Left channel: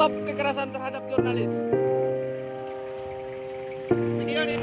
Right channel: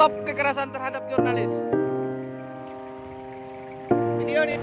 Stop kekerasan terhadap jurnalis. Video ini.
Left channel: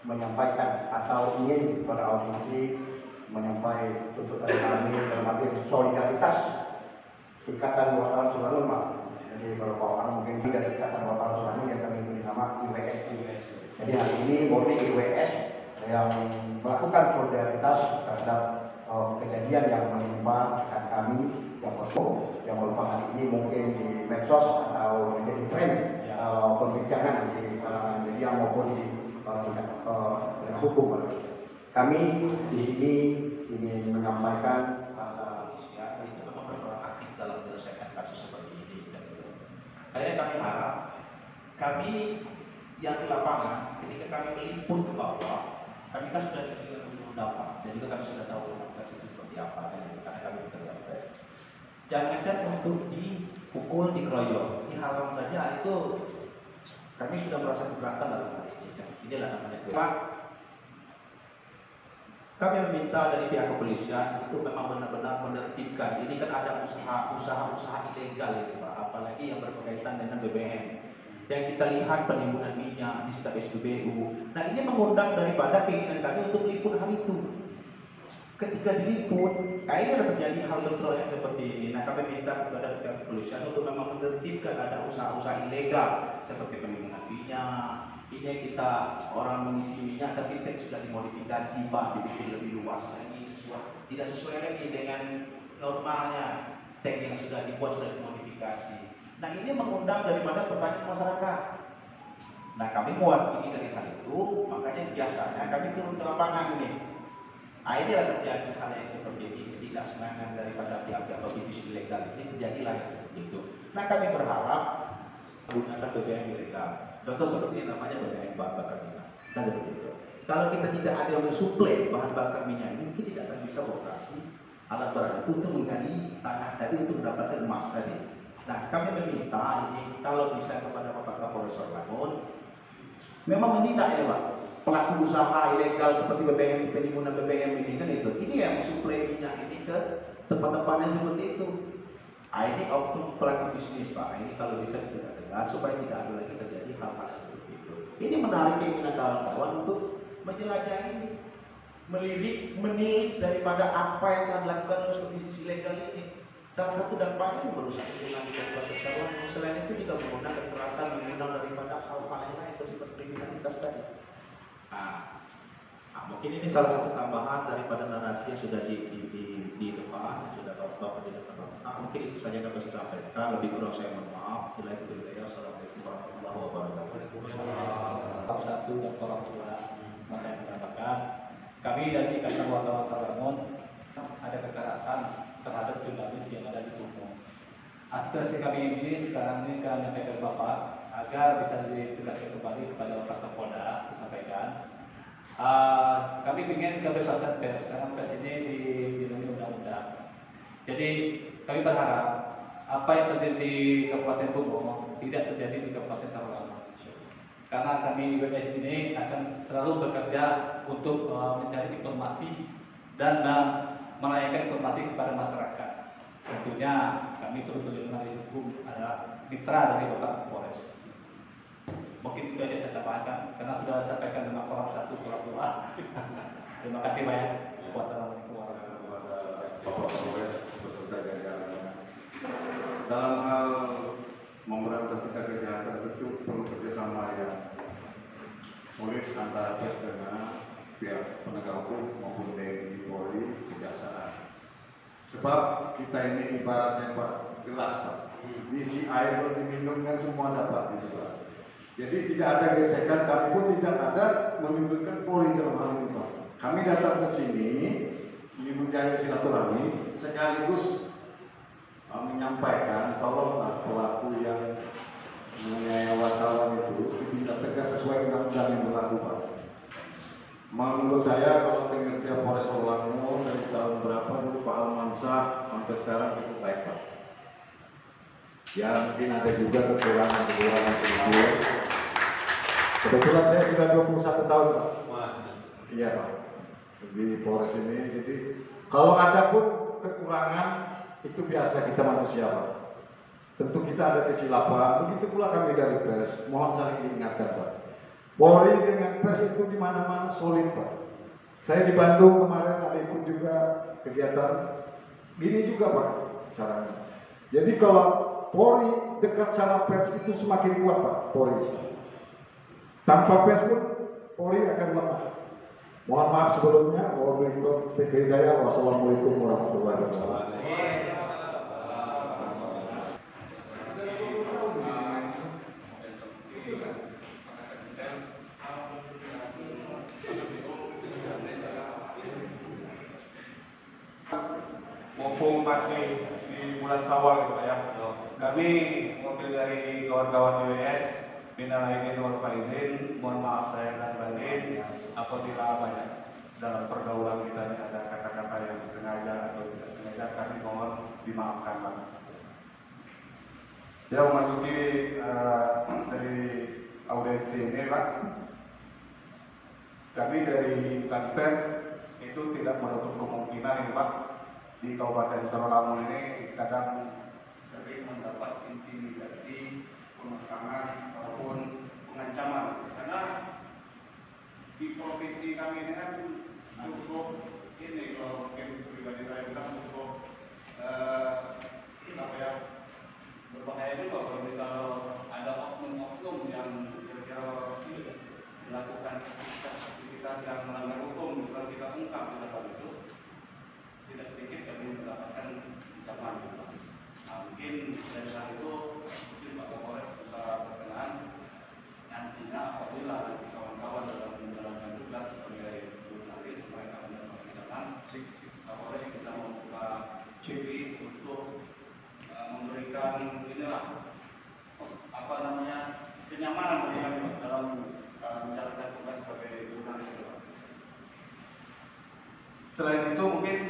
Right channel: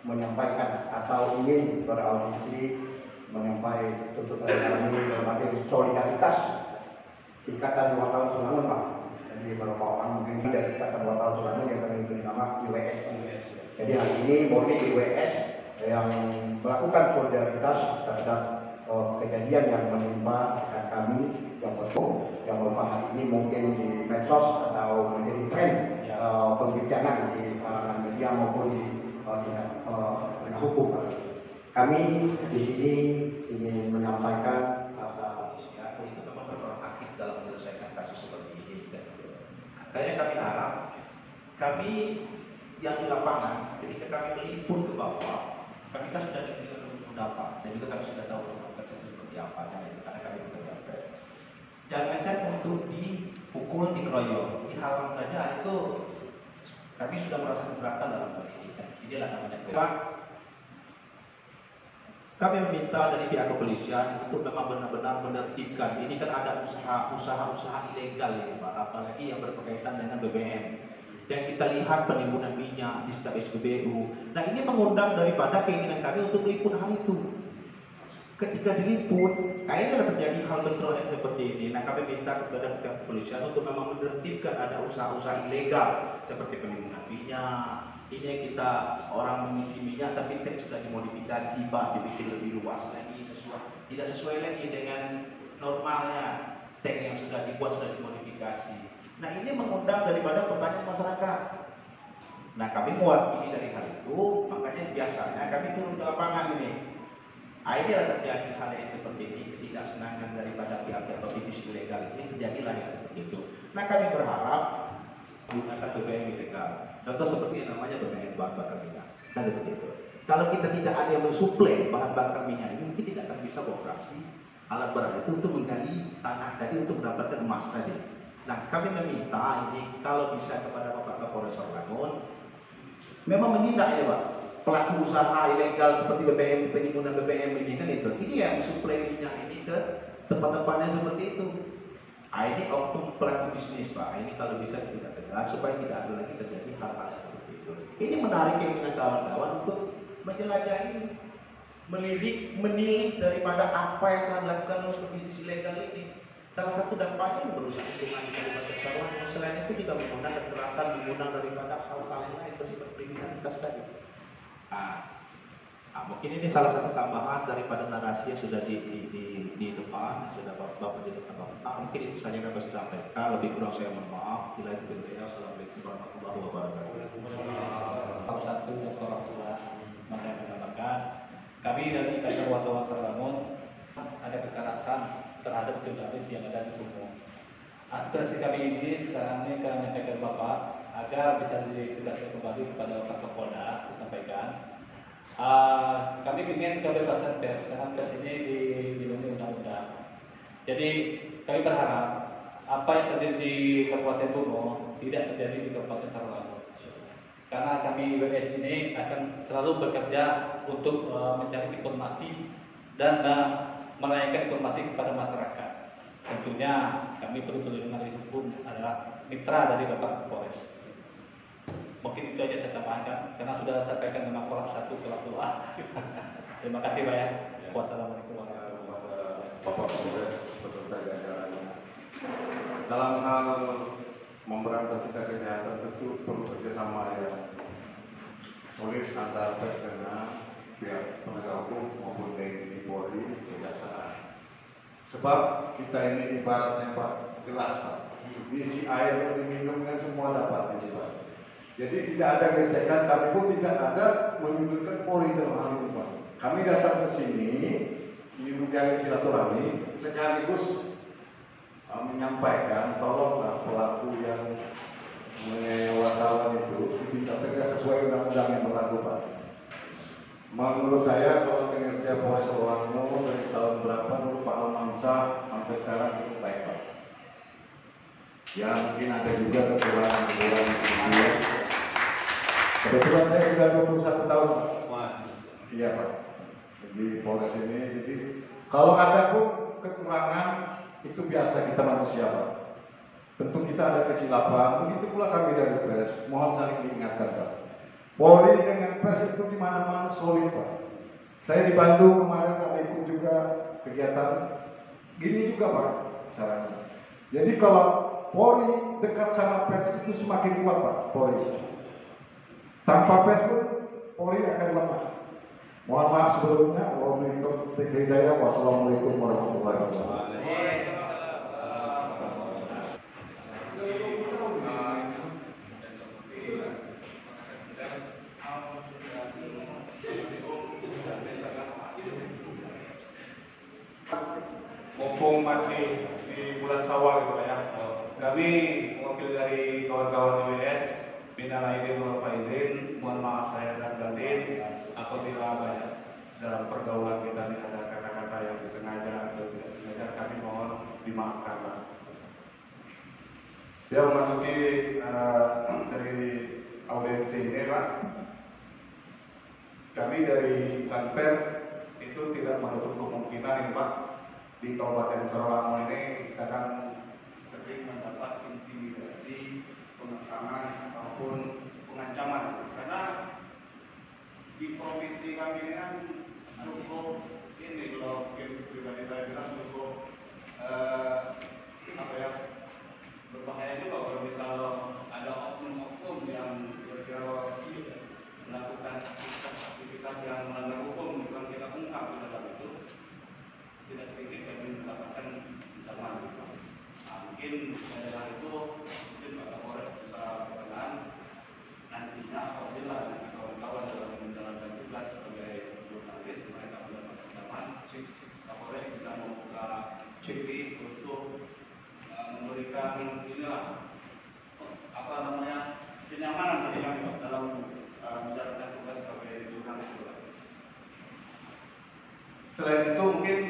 Menyampaikan atau ingin kepada audisi menyampaikan untuk kami berbagai solidaritas Ikatan Wartawan Selangor, Pak. Jadi beberapa orang mungkin dari Ikatan Wartawan Selangor yang kami beri nama IWS. Jadi hari ini murni IWS yang melakukan solidaritas terhadap kejadian yang menimpa rekan kami yang berupa hari ini mungkin di medsos atau menjadi tren perbincangan di kalangan media maupun di hukum. Kami di sini ingin menyampaikan itu memang berperan aktif dalam menyelesaikan kasus seperti ini. Kayaknya kami harap kami yang di lapangan ketika kami meliput ke bawah, kami kan sudah diberikan pendapat dan juga kami sudah tahu organisasi seperti apa karena kami bekerja keras. Jangankan untuk dipukul, dikeroyok, dihalang saja itu kami sudah merasa keberatan dalam hal ini. Inilah namanya Pak. Kami meminta dari pihak kepolisian untuk memang benar-benar menertibkan. Ini kan ada usaha-usaha ilegal ini, Pak, apalagi yang berkaitan dengan BBM. Yang kita lihat penimbunan minyak di sekitar SPBU. Nah, ini mengundang daripada keinginan kami untuk meliput hal itu. Ketika diliput, kayaknya terjadi hal bentrok yang seperti ini. Nah, kami minta kepada pihak kepolisian untuk memang menertibkan ada usaha-usaha ilegal seperti penimbunan minyak. Ini yang kita orang mengisi minyak tapi tank sudah dimodifikasi, Pak, dibikin lebih luas lagi, tidak sesuai lagi dengan normalnya tank yang sudah dibuat, sudah dimodifikasi. Nah, ini mengundang daripada pertanyaan masyarakat. Nah, kami mewakili dari hal itu, makanya biasanya kami turun ke lapangan ini. Ini terjadi hal yang seperti ini, ketidaksenangan daripada pihak-pihak aktivis ilegal ini terjadilah yang seperti itu. Nah, kami berharap menggunakan BBM ilegal. Contoh seperti yang namanya BBM bahan bakar minyak. Kan seperti itu. Kalau kita tidak ada yang mensuplai bahan bakar minyak ini, mungkin tidak akan bisa beroperasi alat berat itu untuk menggali tanah tadi untuk mendapatkan emas tadi. Nah, kami meminta ini kalau bisa kepada Bapak Kapolres Selangor memang menindak ya, Pak, pelaku usaha ilegal seperti BBM, penimbunan BBM ini kan itu. Ini yang mensuplai minyak ini ke tempat-tempatnya seperti itu. Ini oknum pelaku bisnis, Pak. Ini kalau bisa tidak tegas supaya tidak ada lagi terjadi hal-hal seperti itu. Ini menarik keinginan kawan-kawan untuk menjelajahi, menilik daripada apa yang telah dilakukan oleh bisnis ilegal ini. Salah satu dampaknya merusak hubungan dengan bersama. Selain itu juga menggunakan kekerasan, menggunakan daripada hal-hal yang lain seperti kriminalitas tadi. Mungkin ini salah satu tambahan daripada narasi yang sudah di depan, sudah Bapak di depan Bapak. Mungkin itu saja yang kami sampaikan. Lebih kurang saya mohon maaf. Assalamualaikum warahmatullahi wabarakatuh. Satu Dr. Rahmat yang menambahkan, kami dari Ikatan Wartawan Selangor ada kekerasan terhadap jurnalis yang ada di Bungo. Aspirasi kami ini sekarang ini kami menyampaikan Bapak agar bisa ditegaskan kembali kepada Bapak Kapolda disampaikan. Kami ingin kebebasan pers, karena pers ini dilindungi undang-undang. Jadi kami berharap apa yang terjadi di Kabupaten Bungo tidak terjadi di Kabupaten Selangor. Karena kami WS ini akan selalu bekerja untuk mencari informasi dan menanyakan informasi kepada masyarakat. tentunya kami perlu perlindungan hukum adalah mitra dari Bapak Polres. Mungkin itu aja saya sampaikan karena sudah sampaikan dengan Korab 1, Korab 2. Terima kasih Pak ya. Wassalamualaikum warahmatullahi wabarakatuh. Bapak Kapolres beserta jajarannya. Dalam hal memberantas tindak kejahatan tentu perlu kerjasama yang solid antara pers dengan pihak penegak hukum maupun TNI, Polri, Kejaksaan. Sebab kita ini ibaratnya Pak, gelas Pak, diisi air diminum kan semua dapat gitu Pak. Jadi tidak ada gesekan, kami pun tidak ada menyudutkan Polri dalam hal ini Pak. Kami datang ke sini ingin mencari silaturahmi sekaligus menyampaikan tolonglah pelaku yang mengenai wartawan itu ditindak tegas sesuai undang-undang yang berlaku Pak. Menurut saya soal kinerja Polres Rolango dari tahun berapa dulu Pak Almansyah sampai sekarang cukup baik Pak. Ya mungkin ada juga kekurangan-kekurangan sedikit. Kebetulan saya sudah 21 tahun Pak. Iya Pak. Di Polres ini, jadi kalau ada pun kekurangan itu biasa, kita manusia Pak. Tentu kita ada kesilapan, begitu pula kami dari pers. Mohon saling diingatkan Pak. Polri dengan pers itu di mana-mana solid Pak. Saya di Bandung kemarin ada ikut juga kegiatan gini juga Pak caranya. Jadi kalau Polri dekat sama pers itu semakin kuat Pak Polri. Tanpa pers pun Polri akan lemah. Mohon maaf sebelumnya. Wassalamualaikum warahmatullahi wabarakatuh. Mumpung masih di bulan Syawal gitu ya, kami wakil dari kawan-kawan WS minal aidin wal faizin, mohon maaf saya dan batin apabila dalam pergaulan kita ini ada kata-kata yang disengaja atau tidak sengaja, kami mohon dimaafkan Pak. Ya memasuki dari audiensi ini Pak, kami dari Sanpers itu tidak menutup kemungkinan ini Pak, di Kabupaten Sarawangun ini kadang sering mendapat intimidasi, penekanan ataupun pengancaman, karena di provinsi kami ini kan cukup ini, kalau mungkin pribadi saya bilang cukup apa ya, berbahaya juga kalau misal ada oknum-oknum yang kira-kira melakukan aktivitas yang melanggar hukum, bukan kita ungkap di dalam itu, tidak sedikit kami mendapatkan ancaman. Nah, mungkin dari itu mungkin Pak Kapolres bisa berkenan nantinya apabila kawan-kawan dalam menjalankan tugas sebagai jurnalis mereka mendapatkan ancaman, Kapolres bisa membuka ciri untuk memberikan inilah apa namanya kenyamanan bagi kami dalam menjalankan tugas sebagai jurnalis. Selain itu mungkin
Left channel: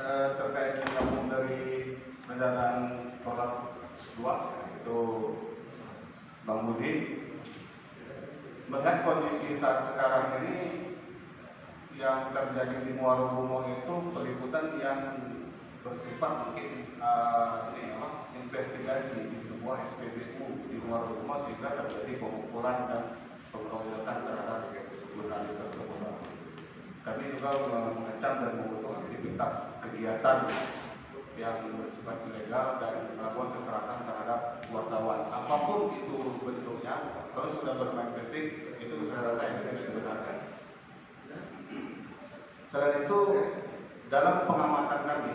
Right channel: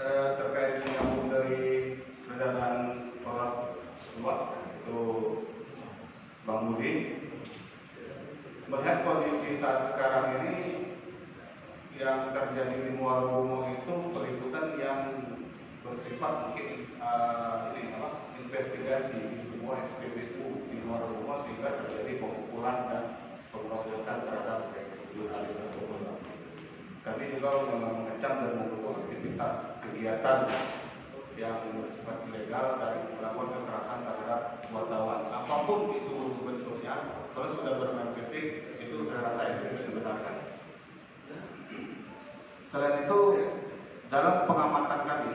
terkait dengan dari pendanaan Korab 2 itu Bang Budi melihat kondisi saat sekarang ini yang terjadi di Muara Bungong itu peliputan yang bersifat mungkin investigasi di semua SPBU di Muara Bungong sehingga terjadi pemukulan dan pengeroyokan terhadap jurnalis tersebut. Kami juga mengecam dan mengutuk aktivitas kegiatan yang bersifat ilegal dan melakukan kekerasan terhadap wartawan. Apapun itu bentuknya, kalau sudah bermain fisik, itu saya rasa tidak dibenarkan. Selain itu, dalam pengamatan kami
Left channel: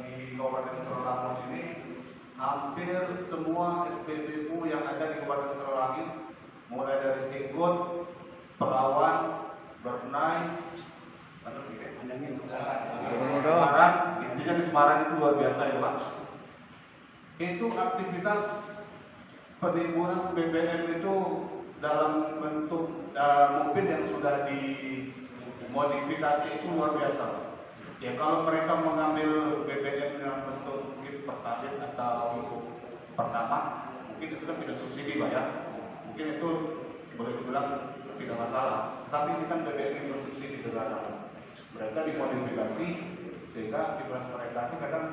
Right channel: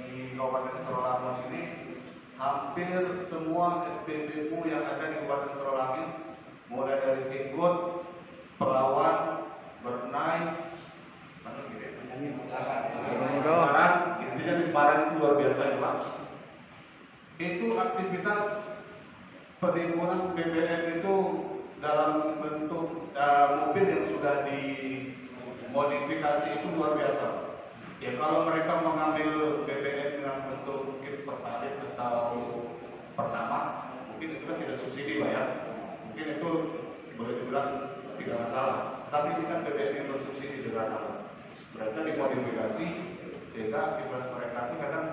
di Kabupaten Sarawangun ini, hampir semua SPBU yang ada di Kabupaten Sarawangun, mulai dari Singgut, Pelawan, Bernai, Semarang, intinya di Semarang itu luar biasa ya Pak. Itu aktivitas penimbunan BBM itu dalam bentuk mobil yang sudah dimodifikasi itu luar biasa. Ya kalau mereka mengambil BBM yang bentuk mungkin Pertalite atau Pertamax, mungkin itu kan tidak subsidi Pak ya. Mungkin itu boleh dibilang tidak masalah, tapi ini kan BBM yang bersubsidi sederhana. Mereka dimodifikasi sehingga aktivitas mereka itu kadang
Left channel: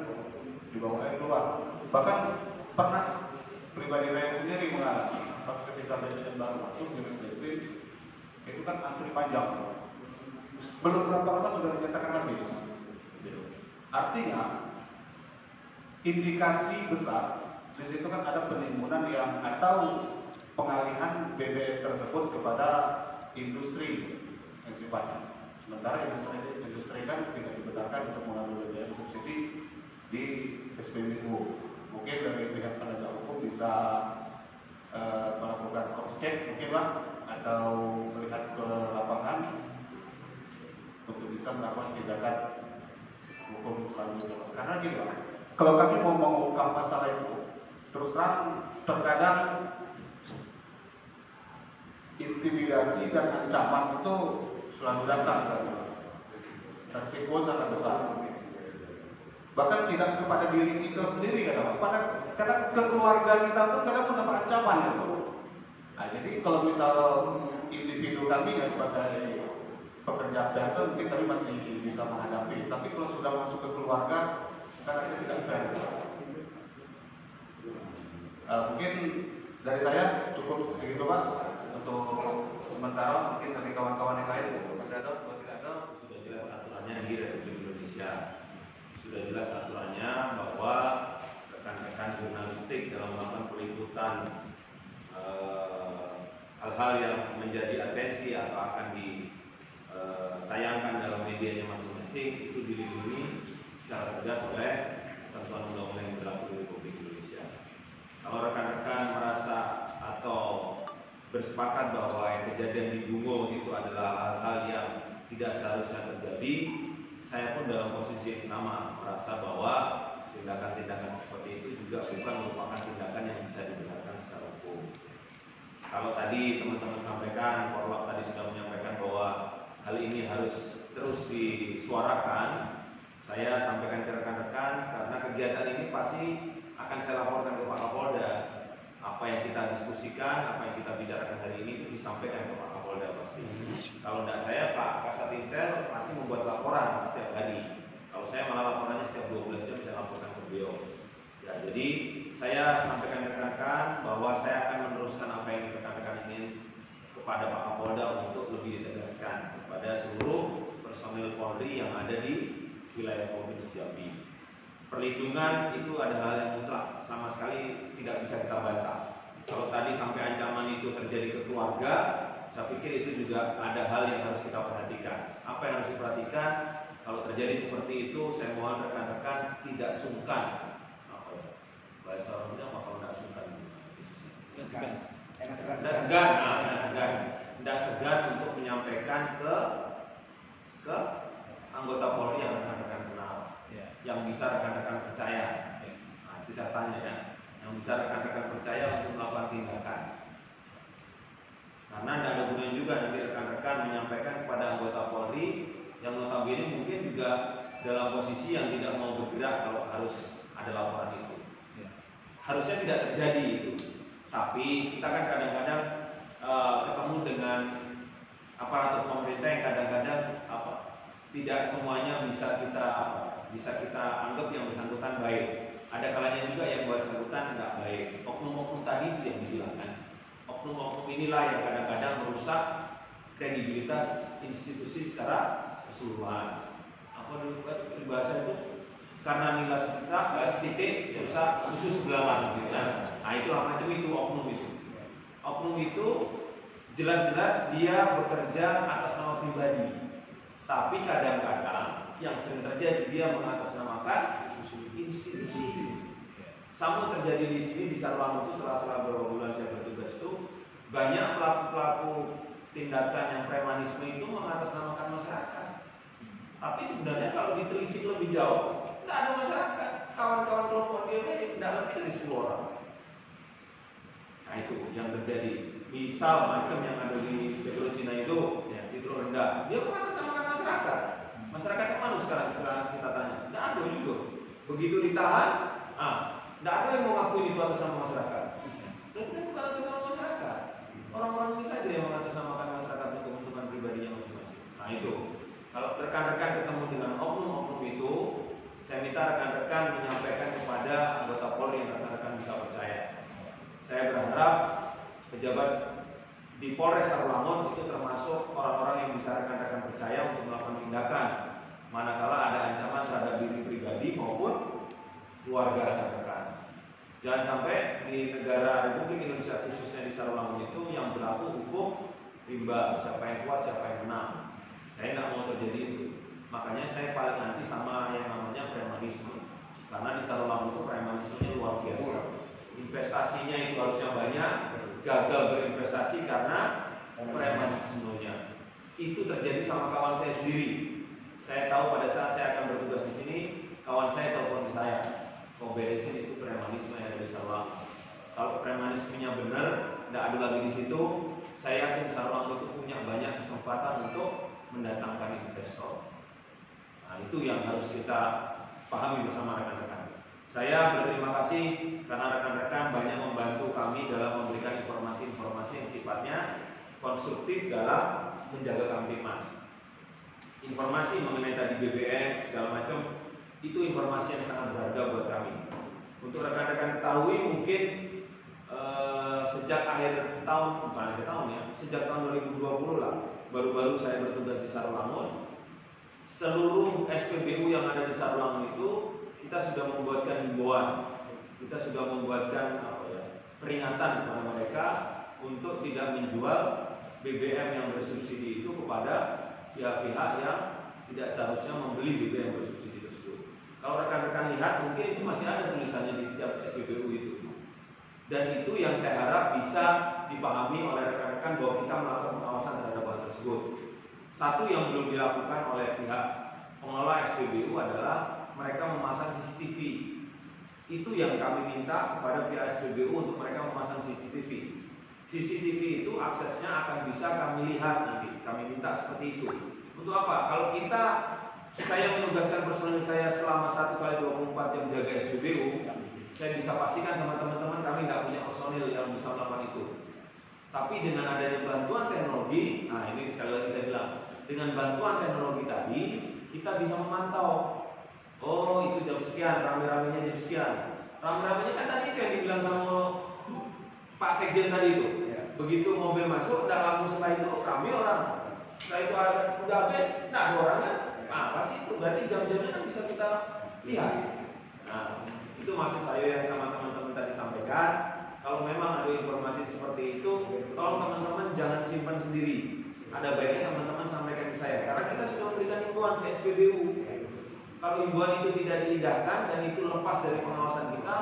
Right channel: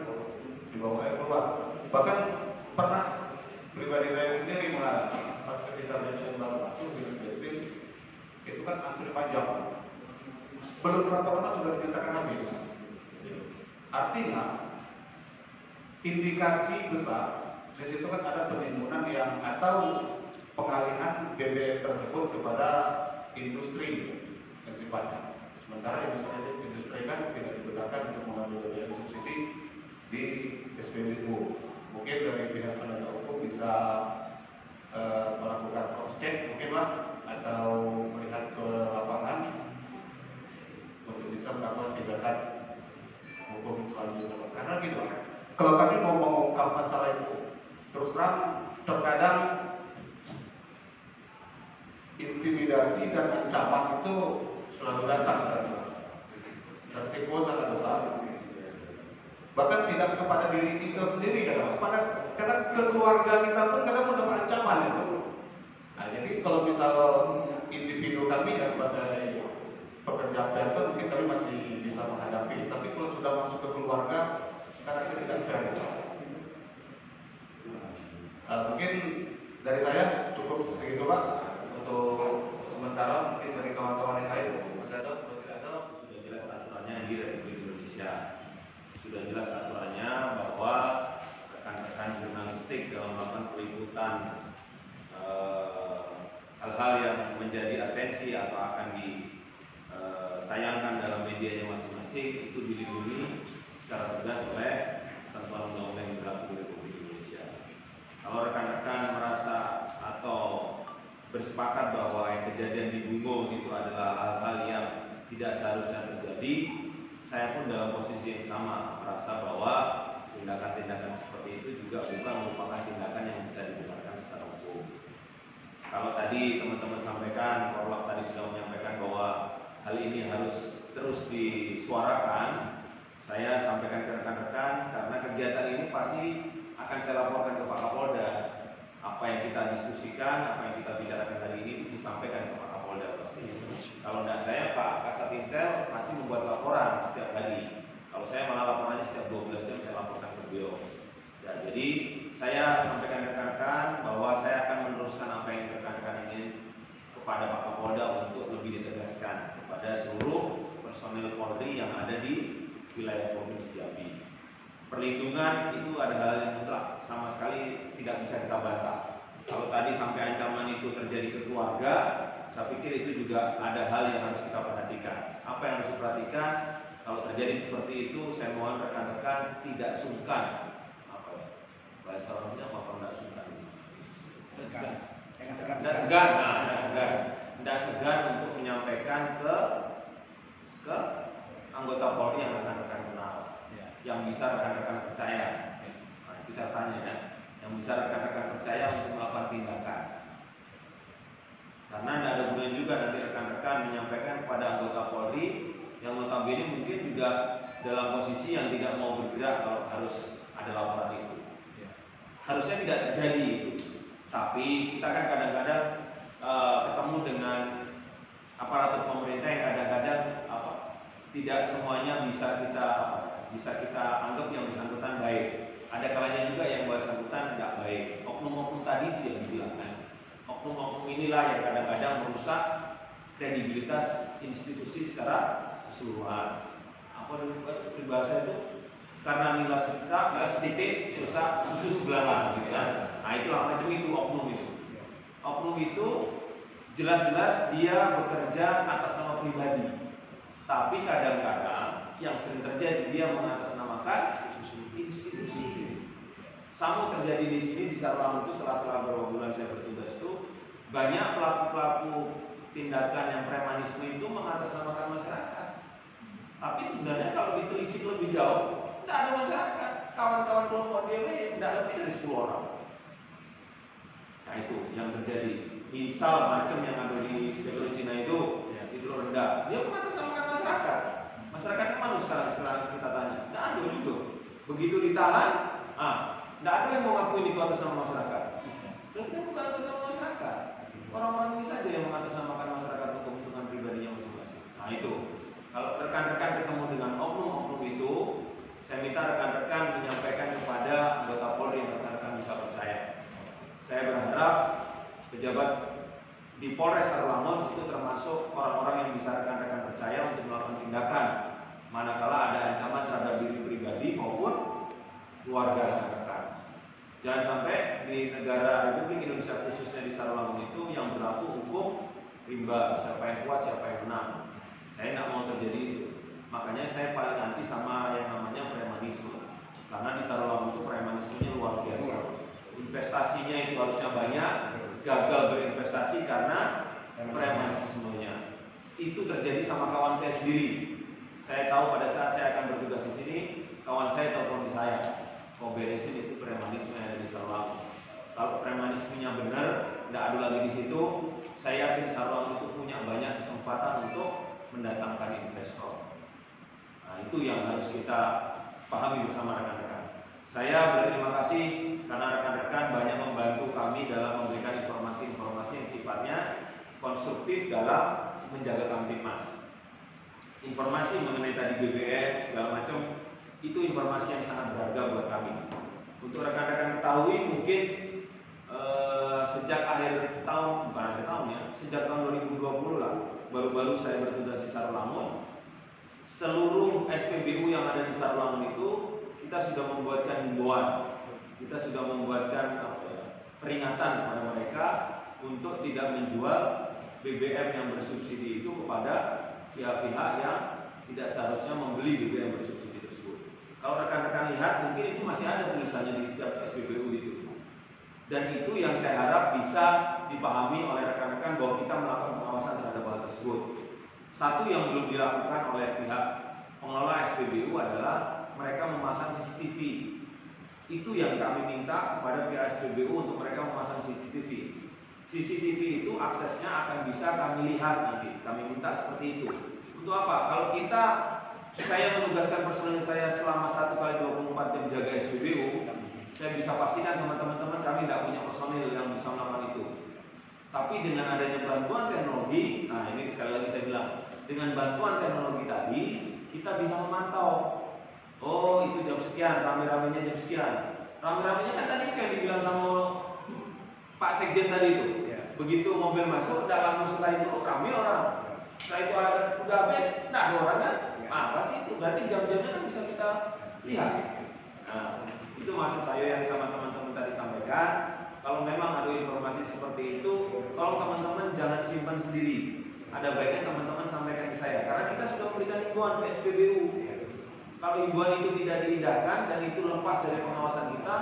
dibawa keluar. Bahkan pernah pribadi saya sendiri mengalami pas ketika bensin baru masuk di bensin itu kan antri panjang, belum berapa lama sudah dinyatakan habis. Artinya indikasi besar di situ kan ada penimbunan yang atau pengalihan BBM tersebut kepada industri yang sifatnya. Sementara industri kan tidak digunakan untuk mengambil BBM subsidi di SPBU. Mungkin dari pihak penegak hukum bisa melakukan cross check mungkin Pak, atau melihat ke lapangan untuk bisa melakukan tindakan hukum selanjutnya. Karena gitu, kalau kami mau mengungkap masalah itu, terus terang terkadang intimidasi dan ancaman itu selalu datang dan risiko sangat besar. Bahkan tidak kepada diri kita sendiri, kadang keluarga kita pun kadang mendapat ancaman itu. Nah, jadi kalau misal individu kami yang sebagai pekerja biasa mungkin kami masih bisa menghadapi, tapi kalau sudah masuk ke keluarga, kadang itu tidak fair. Mungkin dari saya cukup segitu Pak untuk sementara. Mungkin dari kawan-kawan yang lain. Sudah jelas aturannya di Republik Indonesia. Sudah jelas aturannya bahwa rekan-rekan jurnalistik dalam melakukan peliputan hal-hal yang menjadi atensi atau akan ditayangkan dalam medianya masing-masing itu dilindungi secara tegas oleh ketentuan undang-undang yang berlaku di Republik Indonesia. Kalau rekan-rekan merasa atau bersepakat bahwa yang kejadian di Bungo itu adalah hal-hal yang tidak seharusnya terjadi, saya pun dalam posisi yang sama merasa bahwa tindakan-tindakan seperti itu juga bukan merupakan tindakan yang bisa dibenarkan secara hukum. Kalau tadi teman-teman sampaikan, Korlap tadi sudah menyampaikan bahwa hal ini harus terus disuarakan, saya sampaikan ke rekan-rekan karena kegiatan ini pasti akan saya laporkan ke Pak Kapolda. Apa yang kita diskusikan, apa yang kita bicarakan hari ini itu disampaikan ke Pak Kapolda pasti. Kalau tidak saya, Pak Kasat Intel pasti membuat laporan setiap hari. Kalau saya malah laporannya setiap 12 jam saya laporkan ke beliau. Ya, jadi saya sampaikan ke rekan-rekan bahwa saya akan meneruskan apa yang rekan-rekan ingin kepada Pak Kapolda untuk lebih ditegaskan kepada seluruh personil Polri yang ada di wilayah Provinsi Jambi. Perlindungan itu ada hal yang mutlak, sama sekali tidak bisa kita bantah. Kalau tadi sampai ancaman itu terjadi ke keluarga, saya pikir itu juga ada hal yang harus kita perhatikan. Apa yang harus diperhatikan? Kalau terjadi seperti itu, saya mohon rekan-rekan tidak sungkan. Apa ya? Bahasa orang sini apa kalau tidak sungkan? Tidak segan. Tidak segan untuk menyampaikan ke anggota Polri yang rekan-rekan kenal, yang bisa rekan-rekan percaya. Nah, itu catatannya ya, yang bisa rekan-rekan percaya untuk melakukan tindakan. Karena tidak ada gunanya juga nanti rekan-rekan menyampaikan kepada anggota Polri yang notabene mungkin juga dalam posisi yang tidak mau bergerak kalau harus ada laporan itu. Harusnya tidak terjadi itu. Tapi kita kan kadang-kadang ketemu dengan aparatur pemerintah yang kadang-kadang tidak semuanya bisa kita anggap yang bersangkutan baik. Ada kalanya juga yang bersangkutan tidak baik. Oknum-oknum tadi itu yang dibilangkan. Oknum-oknum inilah yang kadang-kadang merusak kredibilitas institusi secara keseluruhan. Apa dulu peribahasa itu? Karena nilai titik rusak susu sebelahan, gitu kan? Nah itulah macam itu oknum itu. Oknum itu jelas-jelas dia bekerja atas nama pribadi. Tapi kadang-kadang yang sering terjadi dia mengatasnamakan institusi. Sama terjadi di sini di Sarulang itu setelah beberapa bulan saya bertugas itu banyak pelaku-pelaku tindakan yang premanisme itu mengatasnamakan masyarakat. Tapi sebenarnya kalau ditelisik lebih jauh tidak ada masyarakat. Kawan-kawan kelompok dia tidak lebih dari 10 orang. Nah itu yang terjadi. Misal macam yang ada di Petro Cina itu rendah, dia mengatasnamakan masyarakat. Masyarakatnya mana sekarang setelah kita tanya? Tidak ada juga. Begitu ditahan, tidak ada yang mau ngakuin itu atas nama masyarakat. Berarti kan bukan atas nama masyarakat. Orang-orang ini saja yang mengatasnamakan masyarakat untuk keuntungan pribadinya masing-masing. Nah itu, kalau rekan-rekan ketemu dengan oknum-oknum itu, saya minta rekan-rekan menyampaikan kepada anggota Polri yang rekan-rekan bisa percaya. Saya berharap pejabat di Polres Sarulangun itu termasuk orang-orang yang bisa rekan-rekan percaya untuk melakukan tindakan manakala ada ancaman terhadap diri pribadi maupun keluarga rekan-rekan. Jangan sampai di negara Republik Indonesia khususnya di Sarulangun itu yang berlaku hukum rimba, siapa yang kuat siapa yang menang. Saya tidak mau terjadi itu. Makanya saya paling anti sama yang namanya premanisme. Karena di Sarulangun itu premanismenya luar biasa. Investasinya itu harusnya banyak, gagal berinvestasi karena premanismenya. Itu terjadi sama kawan saya sendiri. Saya tahu pada saat saya akan bertugas di sini, kawan saya telepon ke saya, kau beresin itu premanisme yang ada di Sarulangun. Kalau premanismenya benar, tidak adu lagi di situ, saya yakin Sarulangun itu punya banyak kesempatan untuk mendatangkan investor. Nah, itu yang harus kita pahami bersama rekan-rekan. Saya berterima kasih karena rekan-rekan banyak membantu kami dalam memberikan informasi-informasi yang sifatnya konstruktif dalam menjaga Kamtibmas. Informasi mengenai tadi BBM segala macam itu informasi yang sangat berharga buat kami. Untuk rekan-rekan ketahui mungkin sejak akhir tahun, bukan akhir tahun ya, sejak tahun 2020 lah, baru-baru saya bertugas di Sarulangun. Seluruh SPBU yang ada di Sarulangun itu kita sudah membuatkan himbauan, kita sudah membuatkan peringatan kepada mereka untuk tidak menjual BBM yang bersubsidi itu kepada pihak-pihak yang tidak seharusnya membeli BBM bersubsidi tersebut. Kalau rekan-rekan lihat mungkin itu masih ada tulisannya di tiap SPBU itu. Dan itu yang saya harap bisa dipahami oleh rekan-rekan bahwa kita melakukan pengawasan terhadap hal tersebut. Satu yang belum dilakukan oleh pihak pengelola SPBU adalah mereka memasang CCTV. Itu yang kami minta kepada pihak SPBU untuk mereka memasang CCTV. CCTV itu aksesnya akan bisa kami lihat nanti. Kami minta seperti itu. Untuk apa? Kalau saya menugaskan personil saya selama 1 kali 24 jam jaga SPBU, saya bisa pastikan sama teman-teman kami tidak punya personil yang bisa melakukan itu. Tapi dengan adanya bantuan teknologi, nah ini sekali lagi saya bilang, dengan bantuan teknologi tadi kita bisa memantau. Oh itu jam sekian, rame-ramenya jam sekian. Rame-ramenya kan tadi itu yang dibilang sama Pak Sekjen tadi itu. Begitu mobil masuk, tidak lama setelah itu rame orang. Setelah itu udah habis, tidak ada orang kan? Nah pasti itu, berarti jam-jamnya kan bisa kita lihat. Nah itu maksud saya yang sama teman-teman tadi sampaikan. Kalau memang ada informasi seperti itu, tolong teman-teman jangan simpan sendiri. Ada baiknya teman-teman sampaikan ke saya, karena kita sudah memberikan himbauan ke SPBU. Kalau himbauan itu tidak diindahkan dan itu lepas dari pengawasan kita,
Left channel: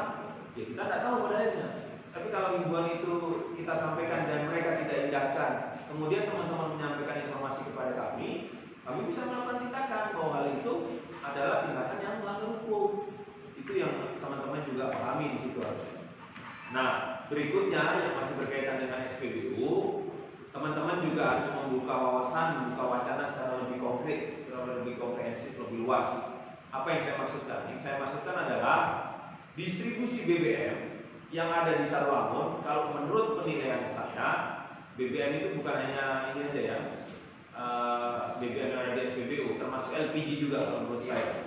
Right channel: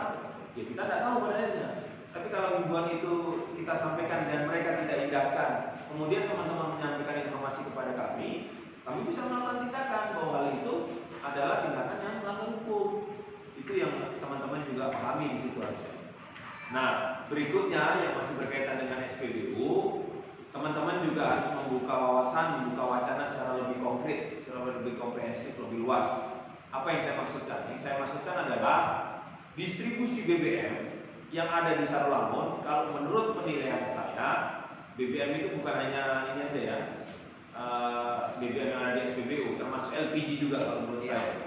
ya kita tidak tahu pada akhirnya. Tapi kalau himbauan itu kita sampaikan dan mereka tidak indahkan, kemudian teman-teman menyampaikan informasi kepada kami bisa melakukan tindakan bahwa hal itu adalah tindakan yang melanggar hukum. Itu yang teman-teman juga pahami di situ harusnya. Nah, berikutnya yang masih berkaitan dengan SPBU, teman-teman juga harus membuka wawasan, membuka wacana secara lebih konkret, secara lebih komprehensif, lebih luas. Apa yang saya maksudkan? Yang saya maksudkan adalah distribusi BBM yang ada di Sarulangun. Kalau menurut penilaian saya, BBM itu bukan hanya ini aja ya, BBM yang ada di SPBU, termasuk LPG juga kalau menurut saya.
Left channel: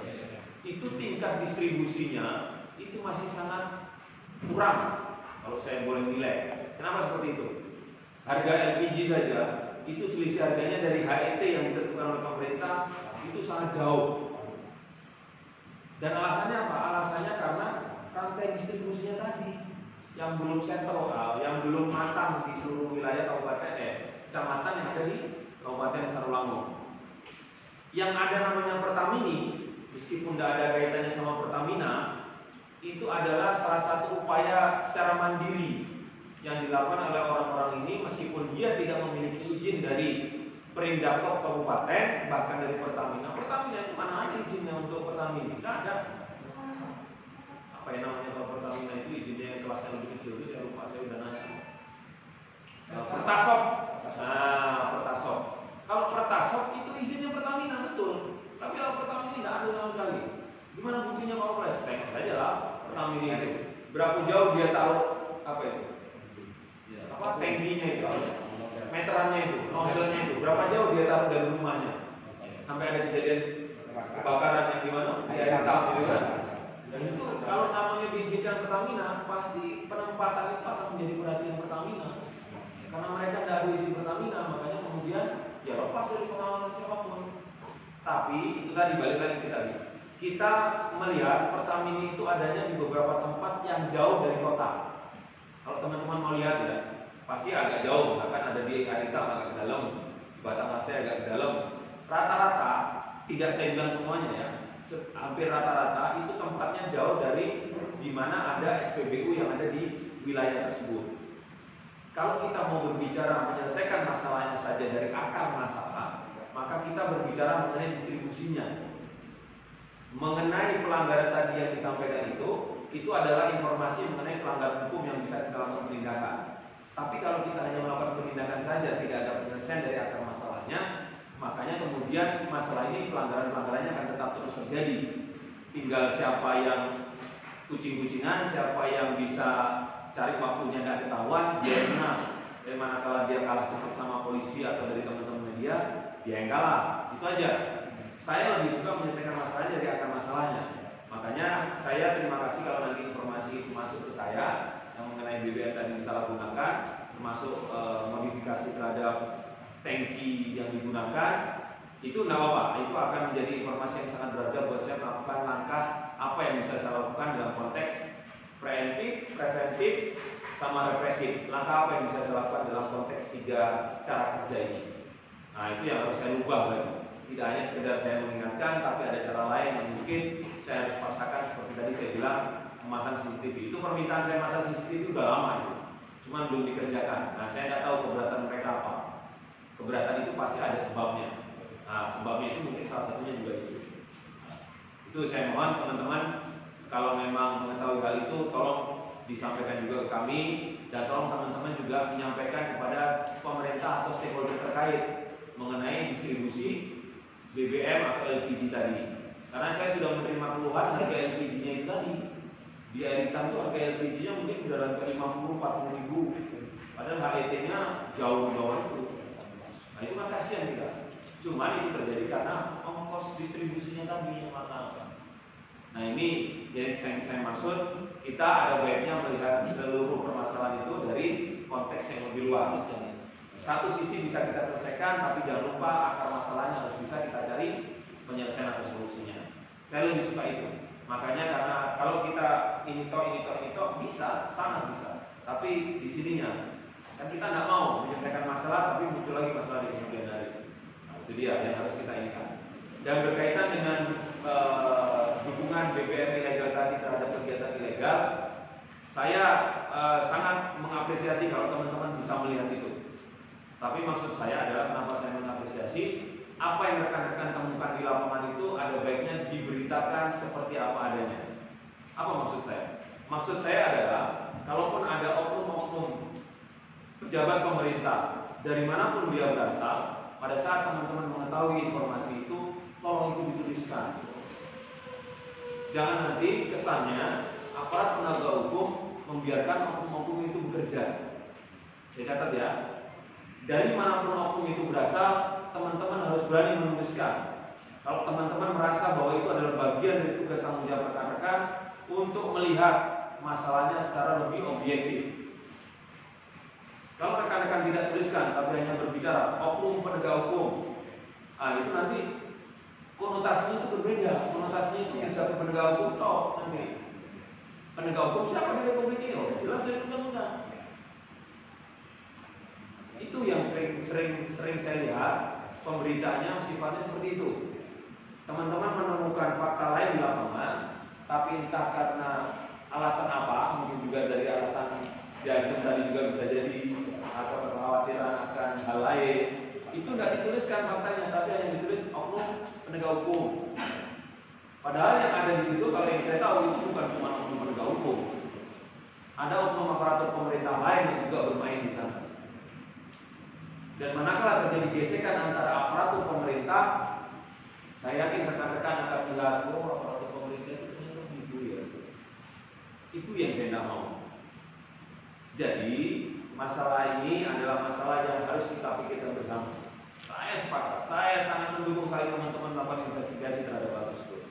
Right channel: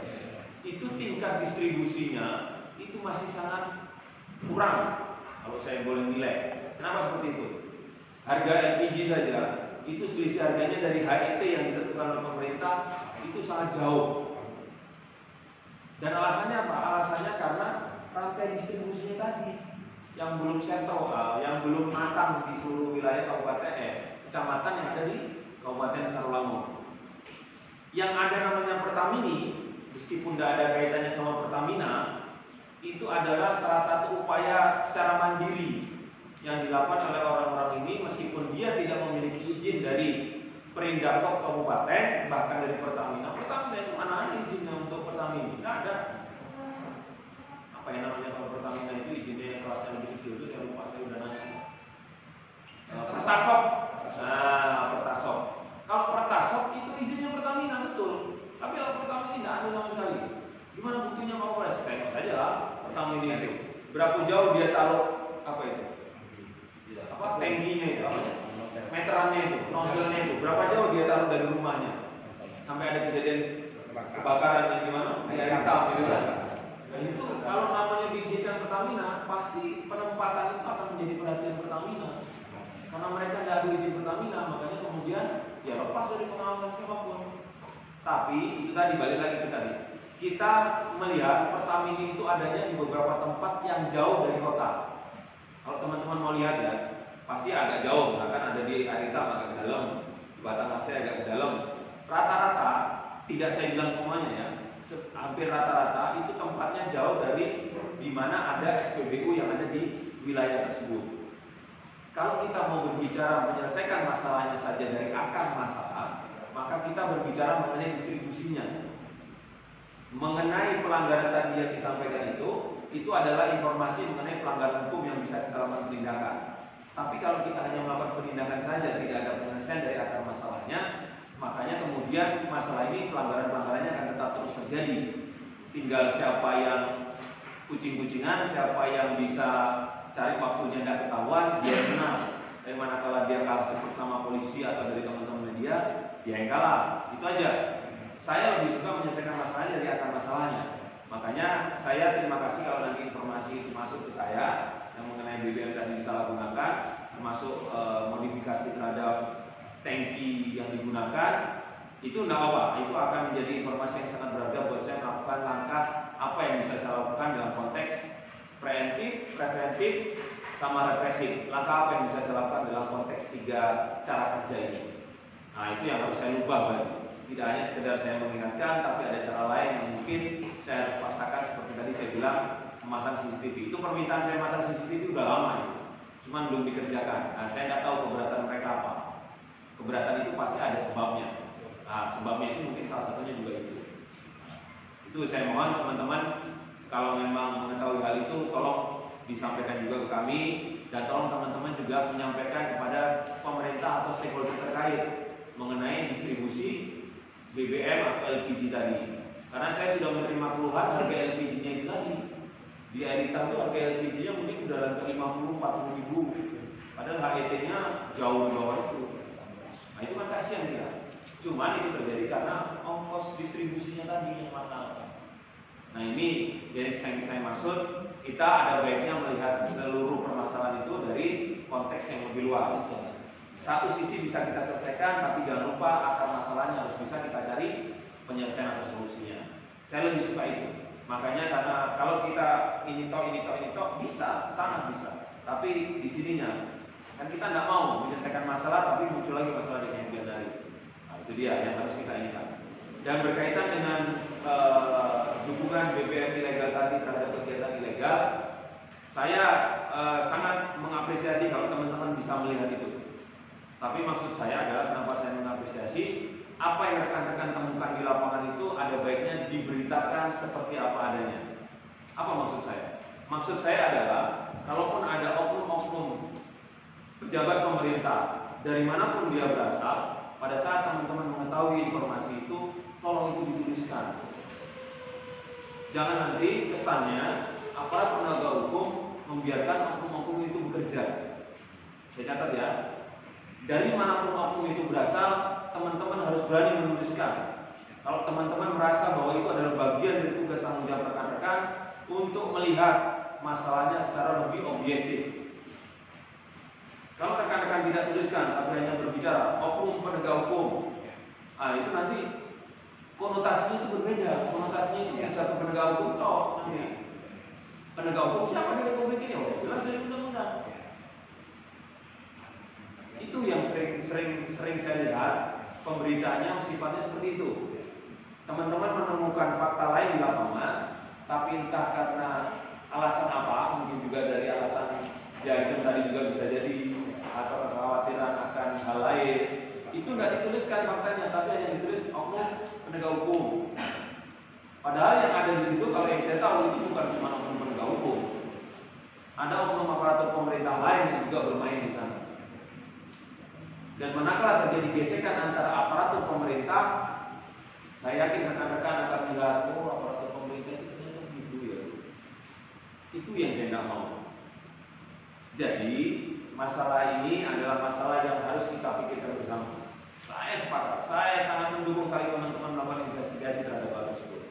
Itu tingkat distribusinya itu masih sangat kurang. Kalau saya boleh nilai, kenapa seperti itu? Harga LPG saja itu selisih harganya dari HET yang ditentukan oleh pemerintah itu sangat jauh. Dan alasannya apa? Alasannya karena rantai distribusinya tadi yang belum settle, yang belum matang di seluruh wilayah kecamatan yang ada di Kabupaten Sarulangun. Yang ada namanya Pertamini, meskipun tidak ada kaitannya sama Pertamina, itu adalah salah satu upaya secara mandiri yang dilakukan oleh orang-orang ini meskipun dia tidak memiliki izin dari Perindakop Kabupaten, bahkan dari Pertamina. Pertamina itu mana ada izinnya untuk Pertamina? Tidak ada. Apa yang namanya kalau Pertamina itu izinnya yang kelasnya lebih kecil itu saya lupa, saya udah nanya. Pertasop. Nah, Pertasop. Kalau Pertasop itu izinnya Pertamina betul. Tapi kalau Pertamina tidak ada sama sekali. Gimana buktinya Pak Kapolres? Tengok saja lah Pertamina itu. Berapa jauh dia taruh apa itu? Apa tangkinya itu? Meterannya itu, nozzle-nya itu. Berapa jauh dia taruh dari rumahnya? Sampai ada kejadian kebakaran yang di mana? Di air hitam gitu kan. Nah itu kalau namanya diizinkan Pertamina, pasti penempatan itu akan menjadi perhatian Pertamina. Karena mereka tidak ada izin Pertamina, makanya kemudian ya lepas dari pengawasan siapapun. Tapi itu tadi balik lagi ke tadi. Kita melihat Pertamina itu adanya di beberapa tempat yang jauh dari kota. Kalau teman-teman mau lihat ya, pasti agak jauh, misalkan ada di air hitam agak ke dalam, di Batanghari agak ke dalam. Rata-rata, tidak saya bilang semuanya ya, hampir rata-rata itu tempatnya jauh dari di mana ada SPBU yang ada di wilayah tersebut. Kalau kita mau berbicara menyelesaikan masalahnya saja dari akar masalah, maka kita berbicara mengenai distribusinya. Mengenai pelanggaran tadi yang disampaikan itu adalah informasi mengenai pelanggaran hukum yang bisa kita lakukan penindakan. Tapi kalau kita hanya melakukan penindakan saja, tidak ada penyelesaian dari akar masalahnya, makanya kemudian masalah ini pelanggaran-pelanggarannya akan tetap terus terjadi. Tinggal siapa yang kucing-kucingan, siapa yang bisa cari waktunya tidak ketahuan, dia menang. Dari manakala dia kalah cepat sama polisi atau dari teman-teman media, dia yang kalah. Itu aja. Saya lebih suka menyelesaikan masalahnya dari akar masalahnya. Makanya saya terima kasih kalau nanti informasi itu masuk ke saya yang mengenai BBM tadi disalahgunakan, termasuk modifikasi terhadap tangki yang digunakan. Itu tidak apa-apa. Itu akan menjadi informasi yang sangat berharga buat saya melakukan langkah apa yang bisa saya lakukan dalam konteks preventif, sama represif. Langkah apa yang bisa saya lakukan dalam konteks 3 cara kerja ini. Nah itu yang harus saya ubah kan. Tidak hanya sekedar saya mengingatkan, tapi ada cara lain yang mungkin saya harus paksakan. Seperti tadi saya bilang, memasang CCTV. Itu permintaan saya memasang CCTV udah lama itu, cuman belum dikerjakan. Nah saya tidak tahu keberatan mereka apa. Keberatan itu pasti ada sebabnya. Nah sebabnya itu mungkin salah satunya juga itu. Itu saya mohon teman-teman, kalau memang mengetahui hal itu, tolong disampaikan juga ke kami, dan tolong teman-teman juga menyampaikan kepada pemerintah atau stakeholder terkait mengenai distribusi BBM atau LPG tadi. Karena saya sudah menerima keluhan harga LPG-nya itu tadi. Di air hitam itu harga LPG-nya mungkin sudah lantai 50-40 ribu. Padahal HET-nya jauh di bawah itu. Nah itu kan kasihan kita. Cuman itu terjadi karena ongkos distribusinya tadi yang mahal. Nah ini yang saya maksud, kita ada baiknya melihat seluruh permasalahan itu dari konteks yang lebih luas. Satu sisi bisa kita selesaikan, tapi jangan lupa akar masalahnya harus bisa kita cari penyelesaian atau solusinya. Saya lebih suka itu. Makanya karena kalau kita ini toh bisa, sangat bisa. Tapi di sininya kan kita tidak mau menyelesaikan masalah, tapi muncul lagi masalah di kemudian hari. Nah itu dia yang harus kita inikan. Dan berkaitan dengan dukungan BBM ilegal tadi terhadap kegiatan ilegal, saya sangat mengapresiasi kalau teman-teman bisa melihat itu. Tapi maksud saya adalah kenapa saya mengapresiasi apa yang rekan-rekan temukan di lapangan itu ada baiknya diberitakan seperti apa adanya. Apa maksud saya? Maksud saya adalah kalaupun ada oknum-oknum pejabat pemerintah dari manapun dia berasal, pada saat teman-teman mengetahui informasi itu, tolong itu dituliskan. Jangan nanti kesannya aparat penegak hukum membiarkan oknum-oknum itu bekerja. Saya catat ya. Dari manapun oknum itu berasal, teman-teman harus berani menuliskan. Kalau teman-teman merasa bahwa itu adalah bagian dari tugas tanggung jawab rekan-rekan untuk melihat masalahnya secara lebih objektif. Kalau rekan-rekan tidak tuliskan, tapi hanya berbicara oknum penegak hukum, itu nanti konotasinya itu berbeda. Konotasinya itu bisa ke penegak hukum toh nanti. Penegak hukum siapa di Republik ini? Udah jelas dari undang-undang. Itu yang sering saya lihat pemberitaannya sifatnya seperti itu. Teman-teman menemukan fakta lain di lapangan, tapi entah karena alasan apa, mungkin juga dari alasan diancam tadi juga bisa jadi, atau kekhawatiran akan hal lain, itu tidak dituliskan faktanya, tapi hanya ditulis oknum penegak hukum. Padahal yang ada di situ, kalau yang saya tahu itu bukan cuma oknum penegak hukum, ada oknum aparatur pemerintah lain yang juga bermain di sana. Dan manakala terjadi gesekan antara aparatur pemerintah, saya yakin rekan-rekan akan melihat, oh aparatur pemerintah itu ternyata begitu ya. Itu yang saya tidak mau. Jadi masalah ini adalah masalah yang harus kita pikirkan bersama. Saya sepakat, saya sangat mendukung sekali teman-teman melakukan investigasi terhadap hal tersebut.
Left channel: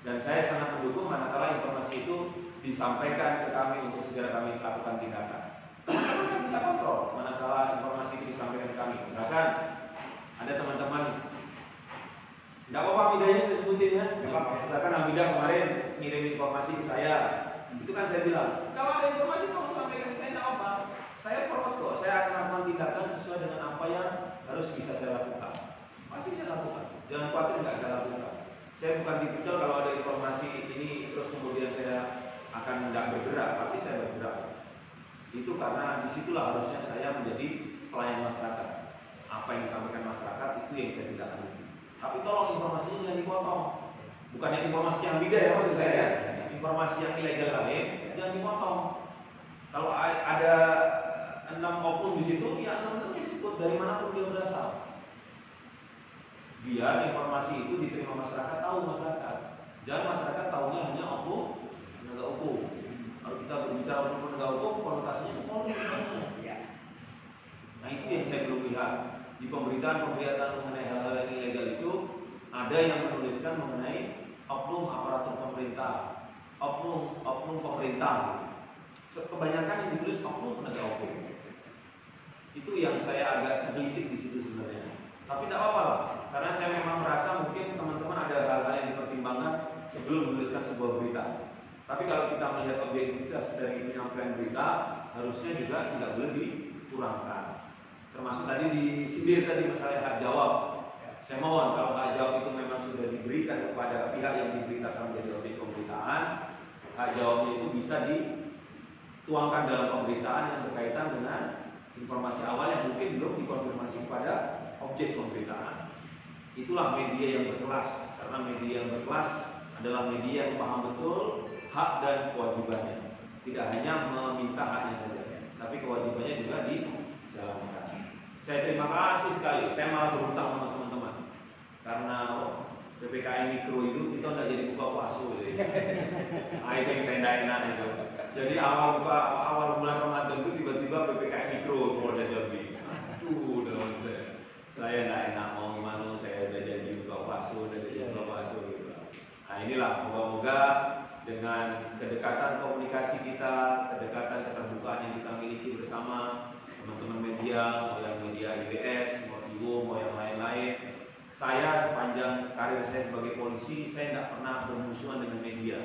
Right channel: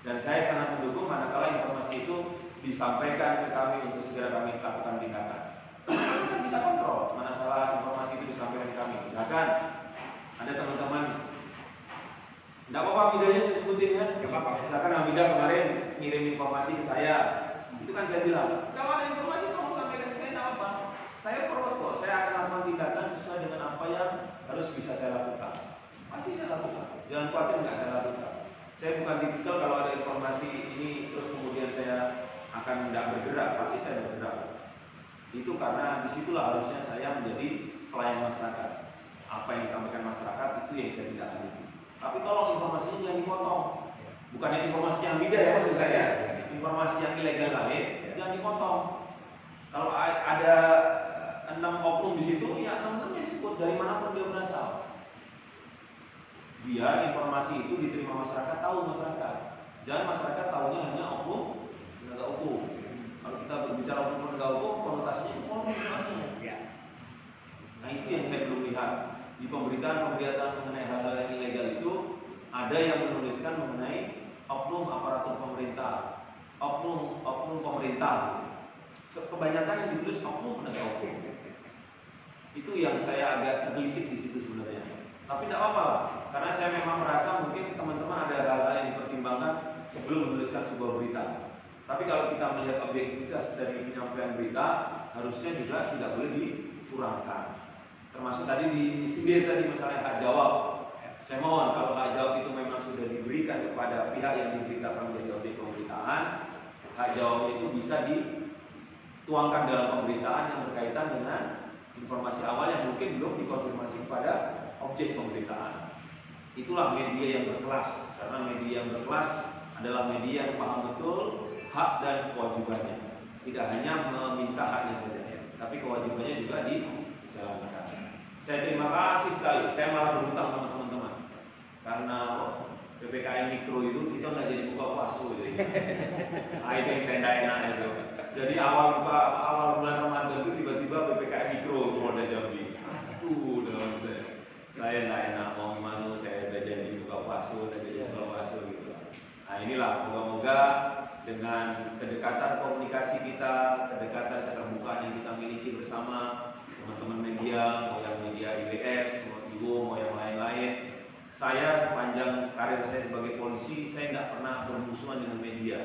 Dan saya sangat mendukung manakala informasi itu disampaikan ke kami untuk segera kami lakukan tindakan. Teman-teman kan bisa kontrol mana salah informasi itu disampaikan ke kami. Misalkan ada teman-teman, tidak apa-apa Hamidahnya saya sebutin ya. Misalkan Hamidah kemarin ngirim informasi ke saya, itu kan saya bilang, kalau ada informasi tolong sampaikan ke saya, tidak apa-apa. Saya forward kok, saya akan lakukan tindakan sesuai dengan apa yang harus bisa saya lakukan. Pasti saya lakukan, jangan khawatir nggak saya lakukan. Saya bukan tipikal kalau ada informasi ini terus kemudian saya akan tidak bergerak, pasti saya bergerak. Itu karena disitulah harusnya saya menjadi pelayan masyarakat. Apa yang disampaikan masyarakat itu yang saya tidak lanjuti. Tapi tolong informasinya jangan dipotong. Bukan informasi yang beda ya maksud saya. Informasi yang ilegal lain jangan dipotong. Kalau ada 6 oknum di situ, ya 6-6-nya disebut dari manapun dia berasal. Biar informasi itu diterima masyarakat, tahu masyarakat. Jangan masyarakat tahunya hanya oknum penegak hukum. Kalau kita berbicara oknum penegak hukum, konotasinya itu Polri sebenarnya. Nah itu yang saya belum lihat di pemberitaan-pemberitaan mengenai hal-hal yang ilegal itu. Ada yang menuliskan mengenai oknum aparatur pemerintah, oknum pemerintah. Kebanyakan yang ditulis oknum penegak hukum. Itu yang saya agak tergelitik di situ sebenarnya. Tapi tidak apa-apa lah, karena saya memang merasa mungkin teman-teman ada hal-hal yang dipertimbangkan sebelum menuliskan sebuah berita. Tapi kalau kita melihat objektivitas dari penyampaian berita, harusnya juga tidak boleh dikurangkan. Termasuk tadi disindir tadi masalah hak jawab. Saya mohon kalau hak jawab itu memang sudah diberikan kepada pihak yang diberitakan menjadi objek pemberitaan, hak jawabnya itu bisa dituangkan dalam pemberitaan yang berkaitan dengan informasi awal yang mungkin belum dikonfirmasi kepada objek pemberitaan. Itulah media yang berkelas, karena media yang berkelas adalah media yang paham betul hak dan kewajibannya. Tidak hanya meminta haknya saja, tapi kewajibannya juga dijalankan. Saya terima kasih sekali. Saya malah berhutang sama teman-teman karena PPKM mikro itu kita tidak jadi buka puasa gitu. Itu yang saya tidak enak itu. Jadi awal bulan Ramadan itu tiba-tiba PPKM mikro Polda Jambi. Aduh, dalam saya tidak enak. Mau gimana? Saya udah janji buka puasa, udah jadi buka puasa gitu. Nah inilah, moga-moga dengan kedekatan komunikasi kita, kedekatan keterbukaan yang kita miliki bersama teman-teman media, mau yang media IWS, mau IWO, mau yang lain-lain. Saya sepanjang karir saya sebagai polisi, saya tidak pernah bermusuhan dengan media.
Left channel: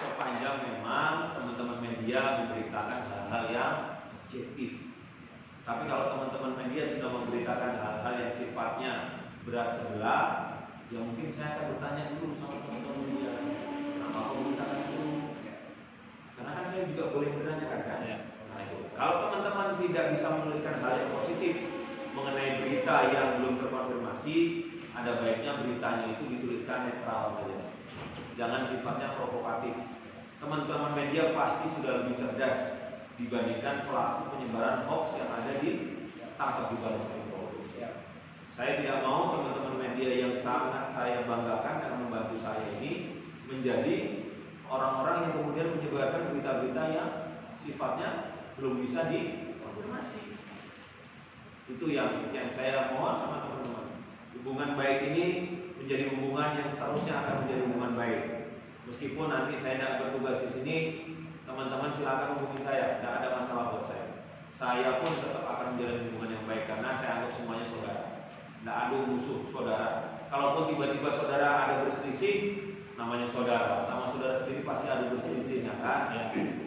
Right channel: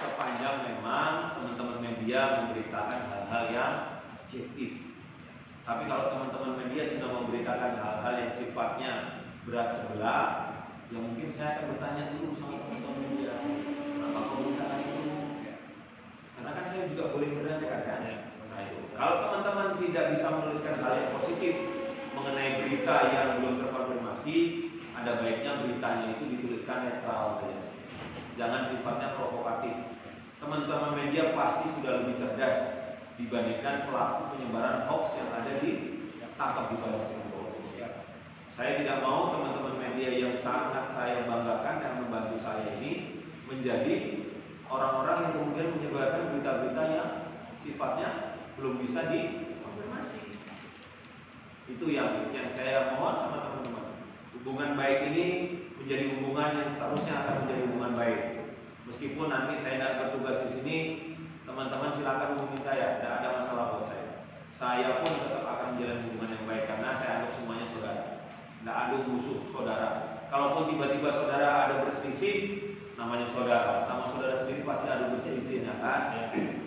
Sepanjang memang teman-teman media memberitakan hal-hal yang objektif. Tapi kalau teman-teman media sudah memberitakan hal-hal yang sifatnya berat sebelah, ya mungkin saya akan bertanya dulu sama teman-teman media, kenapa kau memberitakan itu? Karena kan saya juga boleh bertanya kan? Nah itu. Kalau teman-teman tidak bisa menuliskan hal yang positif mengenai berita yang belum terkonfirmasi, ada baiknya beritanya itu dituliskan netral saja. Jangan sifatnya provokatif. Teman-teman media pasti sudah lebih cerdas dibandingkan pelaku penyebaran hoax yang ada ditangkap di Baris Krim Polri. Saya tidak mau teman-teman media yang sangat saya banggakan yang membantu saya ini menjadi orang-orang yang kemudian menyebarkan berita-berita yang sifatnya belum bisa dikonfirmasi. Itu yang saya mohon sama teman-teman. Hubungan baik ini menjadi hubungan yang seterusnya akan menjadi hubungan baik. Meskipun nanti saya tidak bertugas di sini, teman-teman silakan hubungi saya, tidak ada masalah buat saya. Saya pun tetap akan menjalin hubungan yang baik karena saya anggap semuanya saudara. Tidak ada musuh saudara. Kalaupun tiba-tiba saudara ada berselisih, namanya saudara. Sama saudara sendiri pasti ada berselisih, ya kan?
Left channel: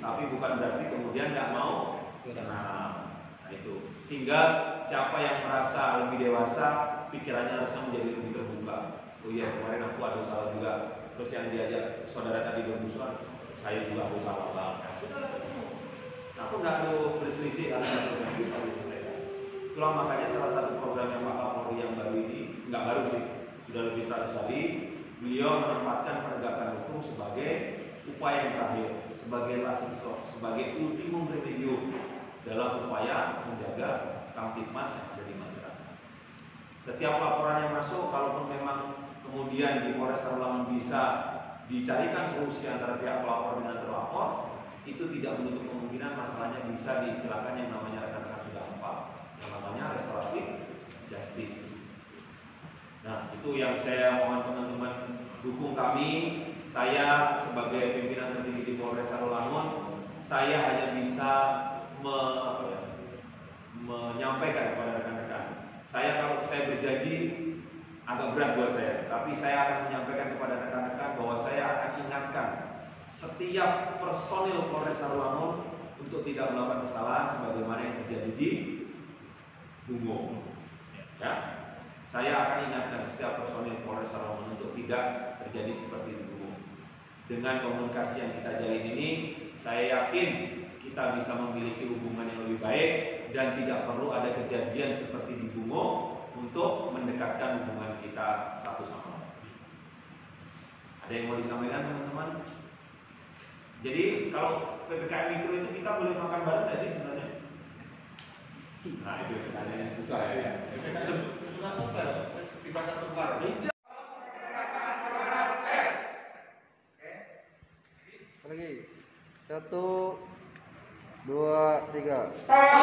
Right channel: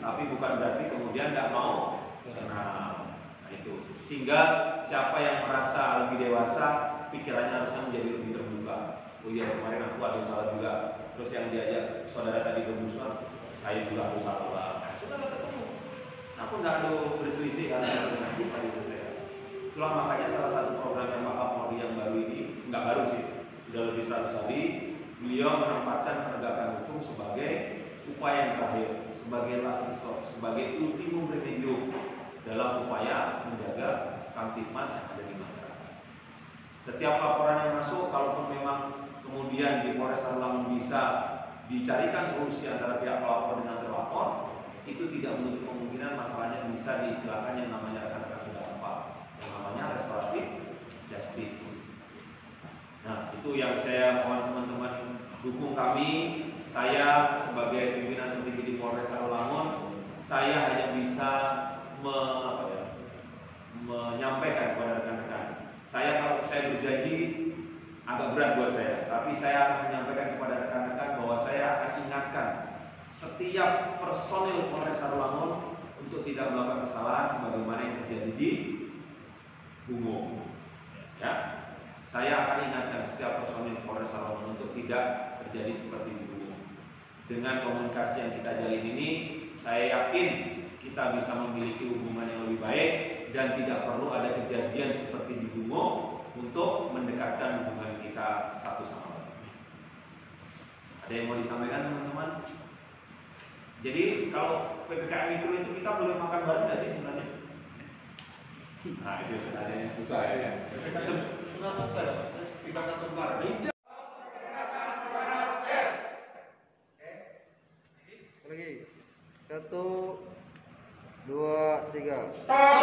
Tapi bukan berarti kemudian tidak mau. Nah itu. Tinggal siapa yang merasa lebih dewasa, pikirannya harusnya menjadi lebih terbuka. Oh iya, kemarin aku ada salah juga. Terus yang diajak saudara tadi bermusuhan, saya juga aku salah. Nah, sudah ketemu. Nah, aku tidak ada berselisih karena itu bisa diselesaikan. Itulah makanya salah satu program yang Pak Kapolri yang baru ini, nggak baru sih, sudah lebih 100 hari, beliau menempatkan penegakan hukum sebagai upaya yang terakhir, sebagai last resort, sebagai ultimum remedium dalam upaya menjaga kamtipmas yang ada di masyarakat. Setiap laporan yang masuk, kalaupun memang kemudian di Polres Sarawangun bisa dicarikan solusi antara pihak pelapor dengan terlapor, itu tidak menutup kemungkinan masalahnya bisa diistilahkan yang namanya rekan-rekan sudah hafal, yang namanya restoratif justice. Nah, itu yang saya mohon teman-teman dukung kami. Saya sebagai pimpinan tertinggi di Polres Sarolangun, saya hanya bisa menyampaikan kepada rekan-rekan. Kalau saya berjanji agak berat buat saya, tapi saya akan menyampaikan kepada rekan-rekan bahwa saya akan ingatkan setiap personil Polres Sarolangun untuk tidak melakukan kesalahan sebagaimana yang terjadi di Bungo. Ya, saya akan ingatkan setiap personil Polres Sarolangun untuk tidak terjadi seperti di Bungo. Dengan komunikasi yang kita jalin ini, saya yakin kita bisa memiliki hubungan yang lebih baik dan tidak perlu ada kejadian seperti di Bungo untuk mendekatkan hubungan kita satu sama lain. Ada yang mau disampaikan teman-teman? Jadi kalau PPKM mikro itu kita boleh makan bareng nggak sih sebenarnya? Nah itu pertanyaan yang susah ya. Sudah selesai, tiba satu bulan. Lagi. 1, 2, 3.